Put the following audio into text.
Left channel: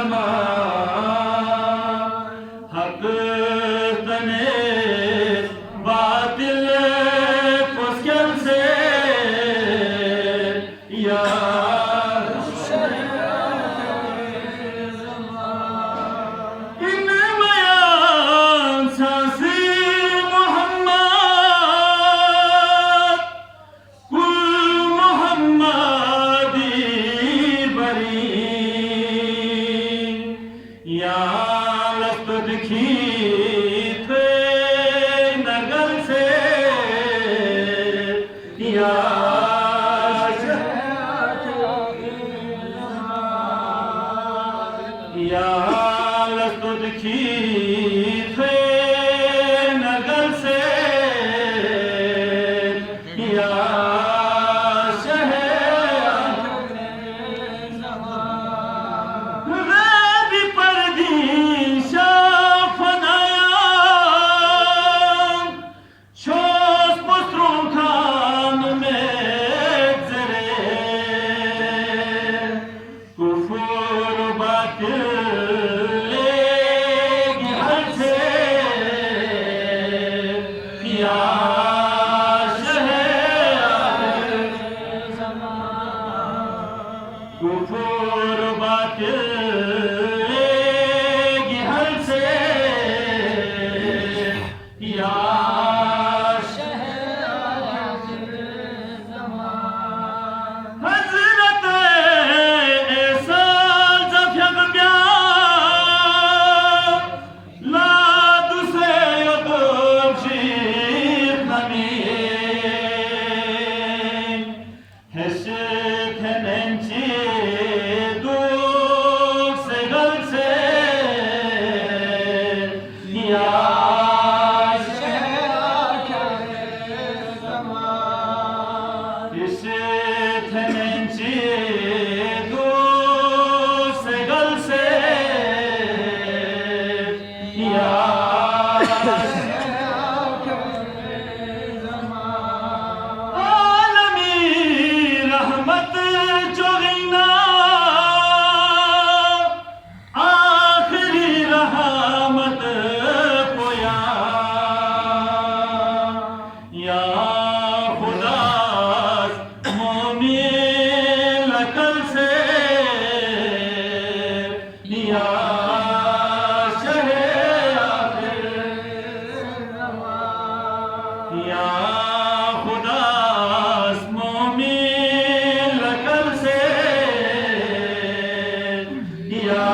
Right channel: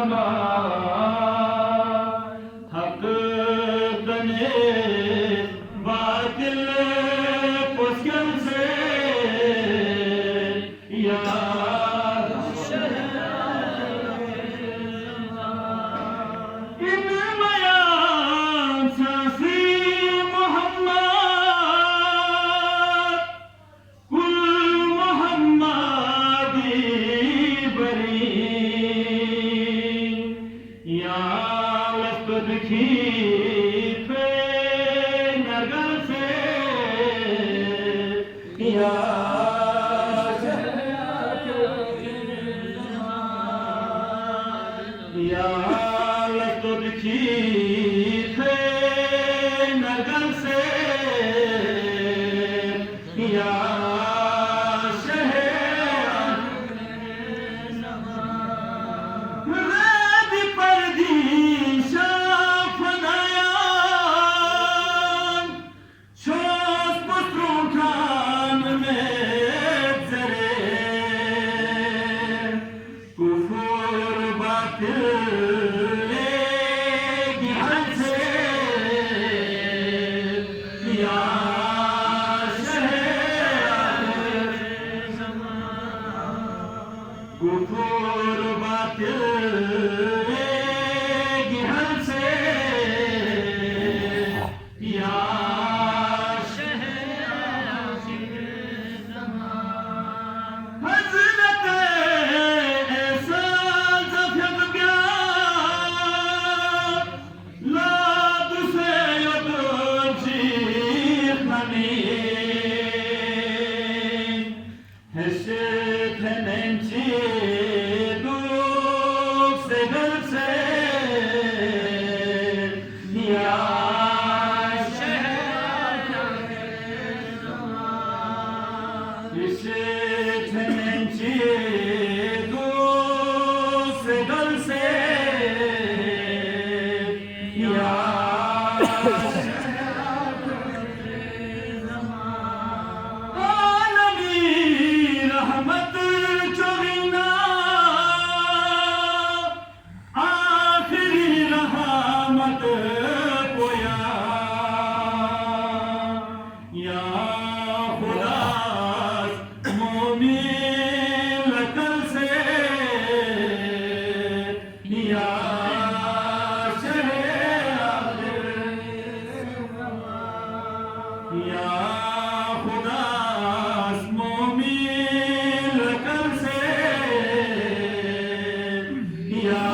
ज़मान हक तने बातिल पुस्कल से या इन बयान सांसी मोहम्मद कुल मोहम्मदी बरी या लफ्ज़ दिखी थे नगल से या लफ्ज़ दिखी थे नगल से या कुफर बातिल गिहल से या हज़रत ऐसा ज़फ़्यक ब्याह लाद से युदुल शीख नमी हैशत है नंची रहमत जोगिना आखिरी रहमत पोया या खुदा मोमिन लकल से या शहे आखिर या खुदा मोमिन लकल से या